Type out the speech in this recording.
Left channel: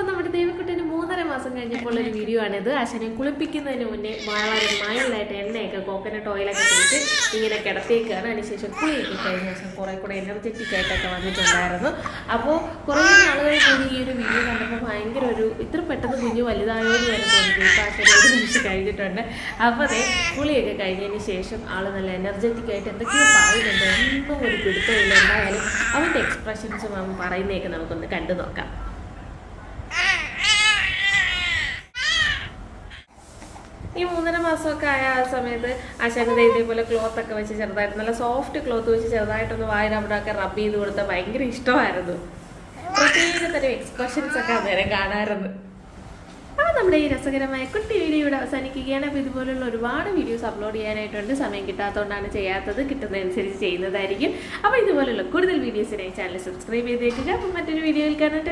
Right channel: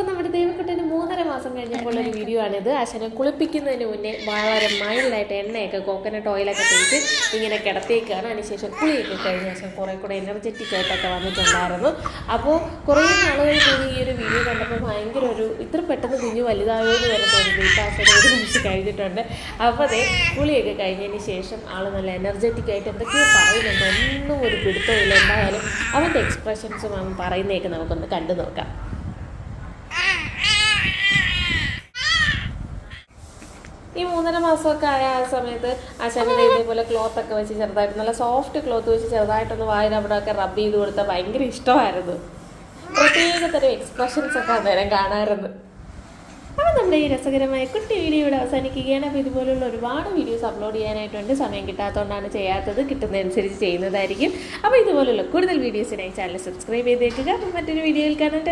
അപ്പോൾ നമ്മുടെ ദേവക്കുട്ടന് 3.5 മാസം കഴിഞ്ഞപ്പോഴുള്ളൊരു വീഡിയോ ആണിത്. ആശാനെ കുളിപ്പിക്കുന്നതിന് മുന്നേ വളരെ മൈൽഡായിട്ട് എണ്ണയൊക്കെ കോക്കനട്ട് ഓയിലൊക്കെ തേച്ച് ഇങ്ങനെ കിടത്തേക്കാണ്. അതിനുശേഷം കുളിയൊക്കെ കഴിഞ്ഞ ശേഷം കുറേ കൂടെ എനർജറ്റിക് ആയിട്ടൊക്കെ വന്നിട്ടുണ്ടായിരുന്നു. അപ്പോൾ കുറേ നാളുകൾ കൂടി ഈ ഒരു വീഡിയോ കണ്ടപ്പോൾ ഭയങ്കര ഇത്ര പെട്ടെന്ന് കുഞ്ഞ് വലുതായോ എന്ന് വരെ തോന്നി. ഇപ്പോൾ ആശാനെ ഒരു നിമിഷം കഴിഞ്ഞിട്ടുണ്ട്. അപ്പോൾ അതേ കുളിയൊക്കെ കഴിഞ്ഞതിന് ശേഷം ആൾ നല്ല എനർജറ്റിക് ആയിട്ട് എന്തൊക്കെയോ പറയുന്നുണ്ട്. ഒന്നും ഒരു പിടുത്തമില്ല. എന്തായാലും അവൻ്റെ എക്സ്പ്രഷൻസും അവൻ പറയുന്നതൊക്കെ നമുക്കൊന്ന് കണ്ടു നോക്കാം. ഈ 3.5 മാസമൊക്കെ ആയ ആ സമയത്ത് ആശാനത് ഇതേപോലെ ക്ലോത്തൊക്കെ വെച്ച് ചെറുതായിട്ട് നല്ല സോഫ്റ്റ് ക്ലോത്ത് വെച്ച് ചെറുതായിട്ടൊന്ന് വായിൽ അവിടെയൊക്കെ റബ്ബ് ചെയ്ത് കൊടുത്താൽ ഭയങ്കര ഇഷ്ടമായിരുന്നു. പ്രത്യേക തരം എക്സ്പ്രഷൻസ് ഒക്കെ അന്നേരം കാണാമായിരുന്നു. അപ്പോൾ നമ്മുടെ ഈ രസകരമായ കുട്ടി വീഡിയോ ഇവിടെ അവസാനിക്കുകയാണ്. അപ്പോൾ ഇതുപോലുള്ള ഒരുപാട് വീഡിയോസ് അപ്ലോഡ് ചെയ്യാനായിട്ടുണ്ട്. സമയം കിട്ടാത്തതുകൊണ്ടാണ് ചെയ്യാത്തത്. കിട്ടുന്നതനുസരിച്ച് ചെയ്യുന്നതായിരിക്കും. അപ്പോൾ ഇതുപോലുള്ള കൂടുതൽ വീഡിയോസിനായി ചാനൽ സബ്സ്ക്രൈബ് ചെയ്തേക്കുക. അപ്പോൾ മറ്റൊരു വീഡിയോയിൽ കാണാൻ